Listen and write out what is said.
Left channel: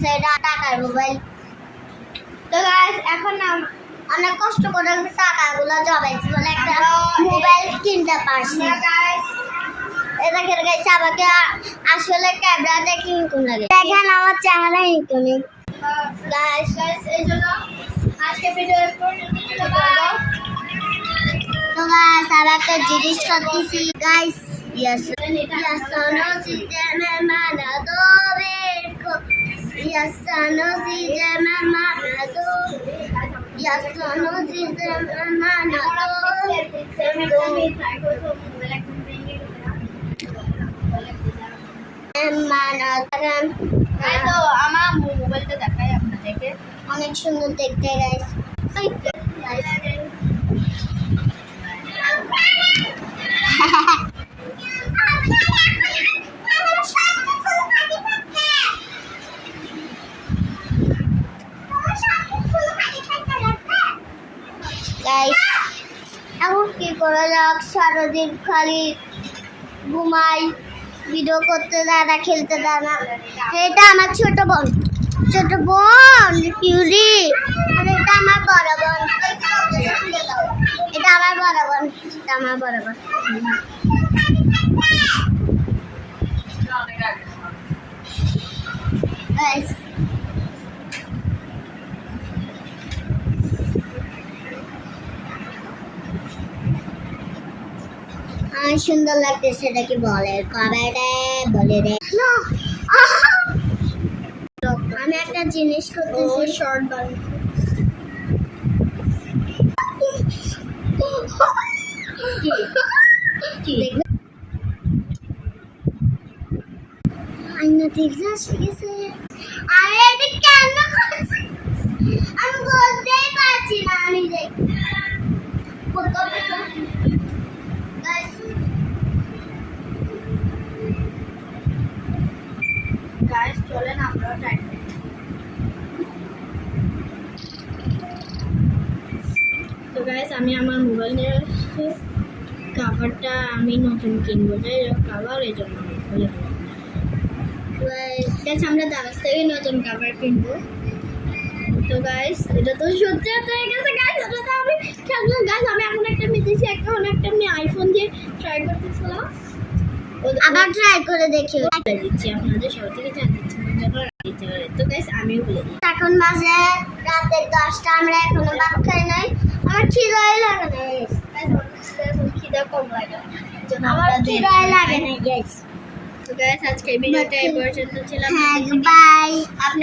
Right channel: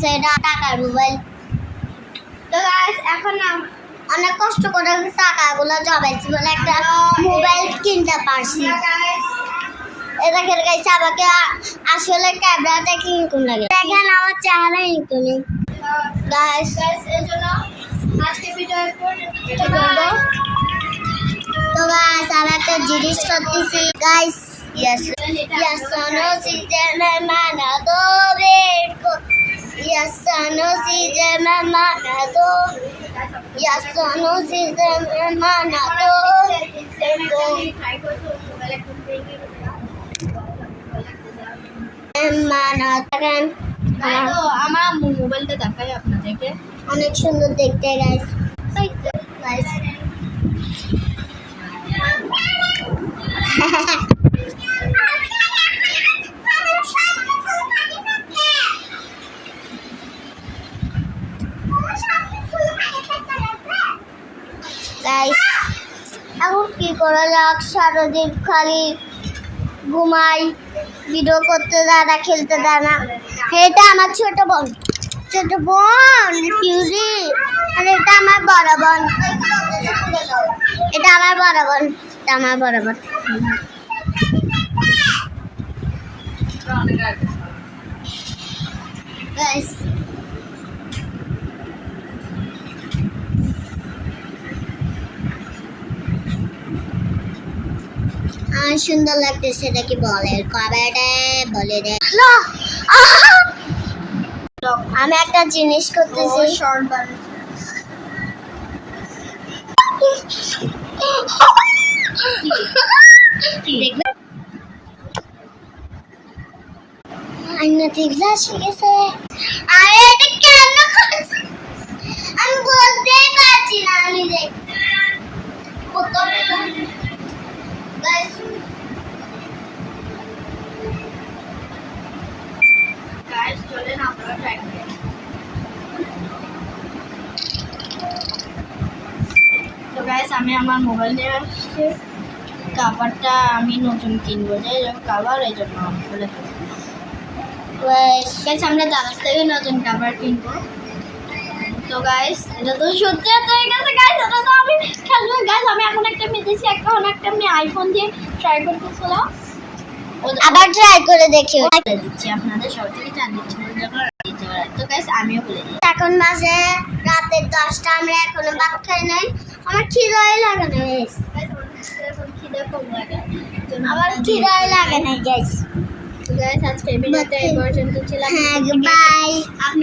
আছে এটা টাকার মোবাইল। তো গাইস এখন অনেক কষ্ট করে টাকাগুলো জমাইছি বলে একটা মোবাইল কিনতে পারছি। এটা খেলে গাইস আমাকে আসলে ক্যামেরাটা কিনকুন লাগে, দেখেন আমার চেহারা ইনকুন গাইস। এই জন্য আজকে ভিডিও পর্যন্ত। তো গাইস আমি একটা জিনিস করতেছি guys. Yes, yes, no, si te me mana do verco. Yes, no, si te me mana do. Yes, no, si te me mana do. Mana থাকেন। তো আমার মোবাইলটা দেখাই আপনাদেরকে, অনেক সুন্দর দেখতে গাইস। গাইস এখন কি করা যাক, সারাদিন খালি ঘুমাই, ভিডিও করতে দেয় না, খেলতে দেয় না। এটা আমার ছোট বোন পিউরি, আর এটা আমার বড় বোন। এটা আমার বড় বোন, এটা আমার বড় বোন। গাইস সুন্দর লাগতেছে, এটা কি বলে কবে বলে রে। আমি একটা জিনিস করতেছি, শর্ট আইনা টিভলা শিখেছে। আরে এটা কেন করছে আমি বলতেই পারছি না। আমি গাইস চলেন আমরা ট্রাই করি। তো গাইস আমি আমার মোবাইল নিয়ে আসছি, কাভারটা আমি নতুন কিনবো, যাই হোক কাভার এই জন্য বলে গাইস আমরা দারাজ থেকে নতুন কাভার কিনবো। তো গাইস এটা তো সত্যি হয়ে গেছে গাইস, এটা তো আমি খেলবো গাইস। আমি এখন একটা মেতেছি, এখন একটা আমি আইফোন দিয়ে ট্রাই করতেছিলাম, আবার ট্রাই করে দেখি। দিচ্ছি আপনাদের সব থেকে জানতে দিতে পারে। তো গাইস আমিও বলে দিই, এখন বাজে রাতে 10টা, আমরা এখনো ভাত খাই নাই। আমার খিদাই লাগে না গাইস, এখন খিদা কম লাগে, আমার খিদাই লাগে না গাইস। তো গাইস আজকে ভিডিওটা এই পর্যন্ত ছিল। হ্যাঁ বাই। আপনার